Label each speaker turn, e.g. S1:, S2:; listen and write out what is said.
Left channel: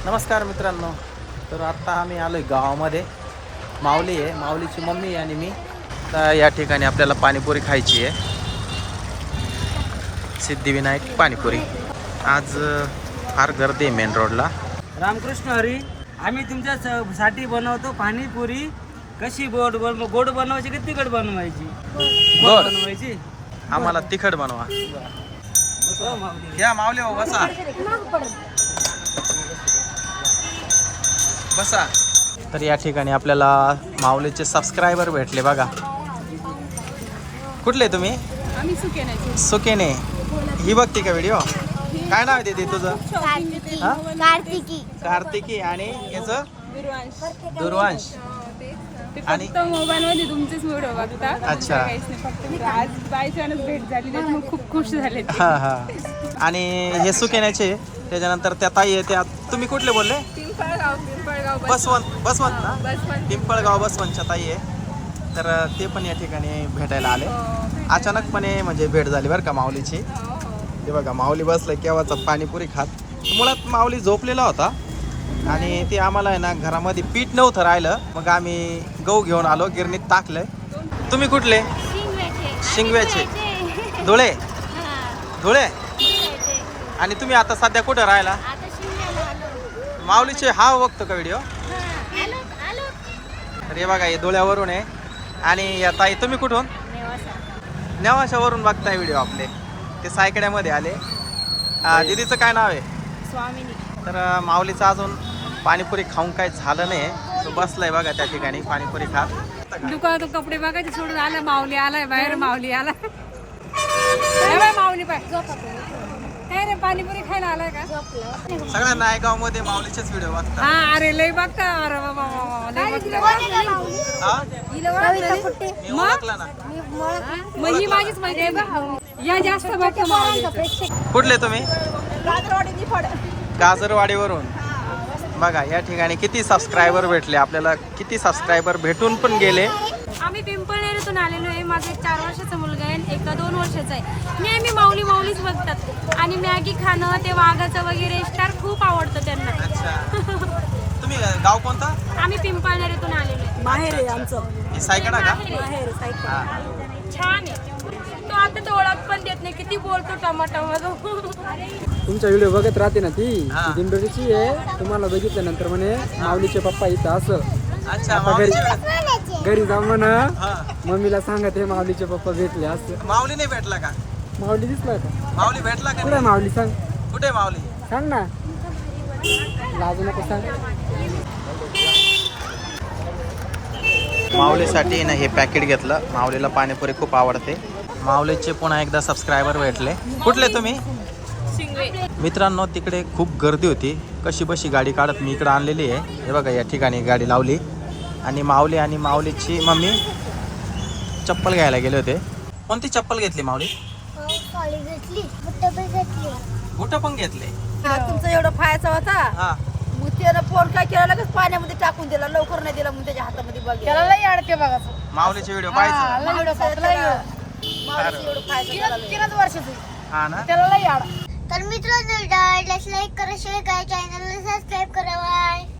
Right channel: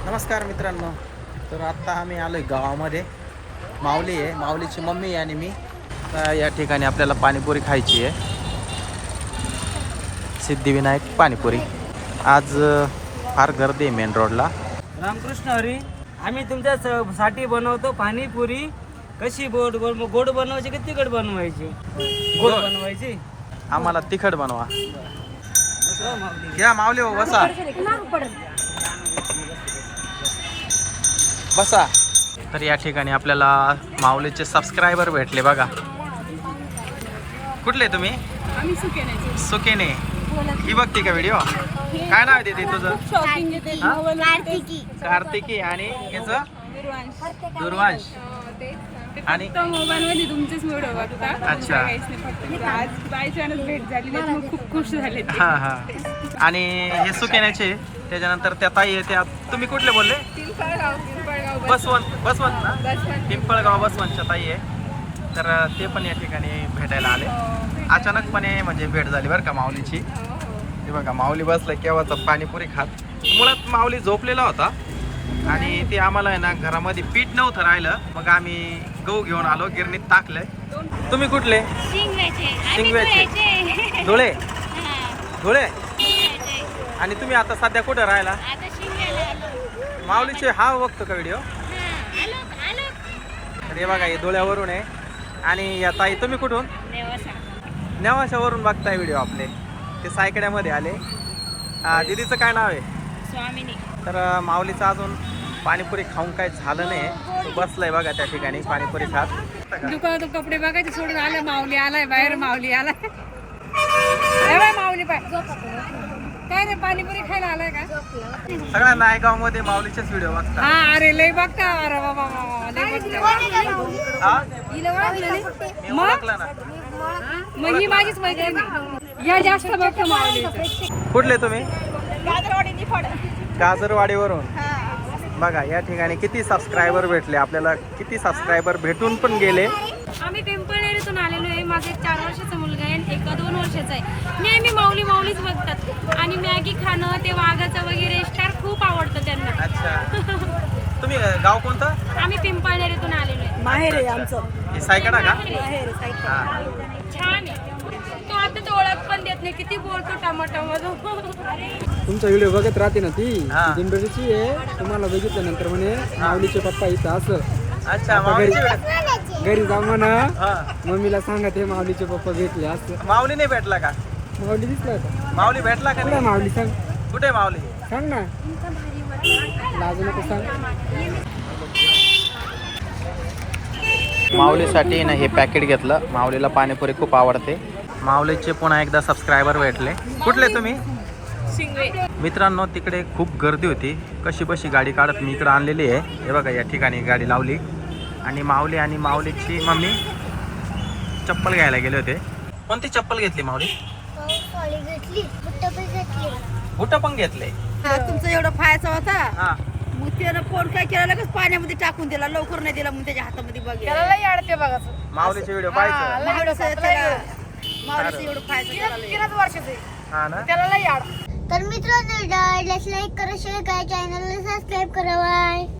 S1: नमस्कार मित्रांनो. तर आत्ता आम्ही आलोय गावामध्ये. माऊली आहे, माऊलीची मम्मी आणि मी. तर या ठिकाणी आपल्याला पाणीपुरी खायची आहे. सिद्धिविनायक पाणीपुरी. आज फार गर्दी आहे मेन रोडला.
S2: रामकृष्ण हरी. आम्ही तुमच्या साठी बनवतो पाणीपुरी. कशी गोड गोड बनवायची की तिखट बनवायची? गोड बनवायची.
S1: आम्हाला तिखट बनवा. या माऊली हो, बसा बसा. तर या ठिकाणी आपल्याला माऊलीचे सबस्क्रायबर भेटले बघा. कुठले तुम्ही? सुकेने. ही बघते का व्हिडिओ? काय नाव आहे दीदी तुझं? कार्तिकी. आणि याचं दुर्वांश. आणि
S3: मोबाईल मध्ये तुमचेच व्हिडिओ बघता.
S1: अच्छा.
S3: फक्त आज बाय चान्स भेट झाली त्यामुळे खूप खुश झाले.
S1: हा हा. आणि हे सुकेण्याचे. त्याच्यानंतर त्या ताई आहे त्या. तुम्ही कुठले बोलले?
S3: पिंपळगाव
S1: बसवंत ना? पिंपळगाव बसवंतच्या ताई आहे. तर ते पण या ठिकाणी भेटायला आले. अचानकपणे म्हणजे भेट झाली बरं का माऊलीची. ते बघा माऊली बसलाय केव्हाचा पाणीपुरी खात. मुळात माऊली झोपलेला होता आणि ते आम्हाला आहे ना घरामध्ये पीठ नव्हतं राहिलं. मग आम्ही गहू घेऊन आलो, गिरणीत टाकलंय. तुम्ही कुठले? शिंगव्याचे. धुळे. आणि तुम्ही आता सध्या कुठं राहिला? माऊलीचे हा बघतो का व्हिडिओ? तर हे बघा हे धुळ्यावरून आहे. आणि या ताई तुम्ही कुठून? नेवाशावरून बघताय व्हिडिओ आपले. ते सायकड्यामध्ये आले. दीदीचं काय नाव आहे?
S3: स्वामिनी.
S1: तर माऊलीचं अजून पाणीपुरी खाऊन काय झालं नाही. तो बसलाय बघा त्या ठिकाणी पाणीपुरी खात.
S3: दुकानात कपडे बघायचे सोडून आलं. माऊली आलाय बाहेर. माऊली आलाय. माऊली पाय काय रे पाणीपुरी खायला आलाय का?
S1: सगळ्या नायगाव मध्ये माऊलीचेच व्हिडिओ बघतात.
S3: हा अरे लय बघता. अरे बाबा लय बघता.
S1: हा
S3: मी
S1: मी ओळखला ना.
S3: मग ही माझीच मैत्रीण. या जास्त बघता माऊली.
S1: कुठले तुम्ही? गाजरवाडीवरून. बघा या ठिकाणी किती सबस्क्रायबर भेटले आपल्याला. किती सबस्क्रायबर भेटून पण गेले.
S4: आम्ही पिंपळनेरीतून आलेलो आहे. माझा 4 वर्षाचा मुलगा आहे, एका 2 वर्षाचा आहे. नेहमी माऊलीच बघतात. आणि मॅगी खाणं, ते वाघाचं वगैरे स्टार खूप आवडतं त्यांना.
S1: अच्छा. तुम्ही गाव कोणतं?
S4: आम्ही पिंपळनेरीतून आलेलो आहे.
S3: माहेर आहे आमचं.
S1: हे सायकडा का?
S3: माहेर सायकल.
S1: हा.
S4: छान आहे. तो आता तो ओळख पण देत नाही. किती बोलतो टमाटो.
S2: तुमचा व्हिडिओ बघत राहते ना ती
S1: हा.
S2: दिंडोरीची आहे. तुम्हाला बघितल्यानंतर म्हणे माऊलीचे पप्पा इथं असं.
S1: अच्छा माऊलीचे
S2: घरी जाऊ म्हणा.
S1: हा.
S2: मम्मीला सांगत हे माऊलीचे पप्पा भेटले असं.
S1: माऊली नाही भेटला का?
S2: माऊली दिसला का?
S1: माऊली भेटला का
S2: कुठे
S1: नाही?
S2: माऊली सांग.
S1: कुठे माऊली?
S2: सांग ना. लाजू नको सांग.
S1: माऊलीसाठी ना हे पॅकेट घेतलं. माऊलीला पाणीपुरी खूप आवडते. माऊलीचे पुन्हा एकदा सबस्क्रायबर भेटले. कुठले तुम्ही? मित्रांनो तिकडे खूप गर्दी होती. कशी बशी गाडी काढत मी इकडे आणलेली आहे. हे बघा या ठिकाणी गाडी लावली. आणि माऊली आणि माऊलीची मम्मी चप्पल घ्यायला गेले होते. कोणती चप्पल घेतली माऊली? बुट पण घेतले.
S3: तुमचा एवढा फायचा होता.
S1: हा.
S3: मग त्यानं फोन काय केला लगेच पाण्यामध्ये टाकून दिला. लवकर नाही दिला. मग त्याच्या हातामध्ये बघ.
S1: माऊलीचे व्हिडिओ पाहायचं. हा ना.
S5: तर मित्रांनो, लाईक करा, शेअर करा, चॅनलला सबस्क्राईब करा. बाय.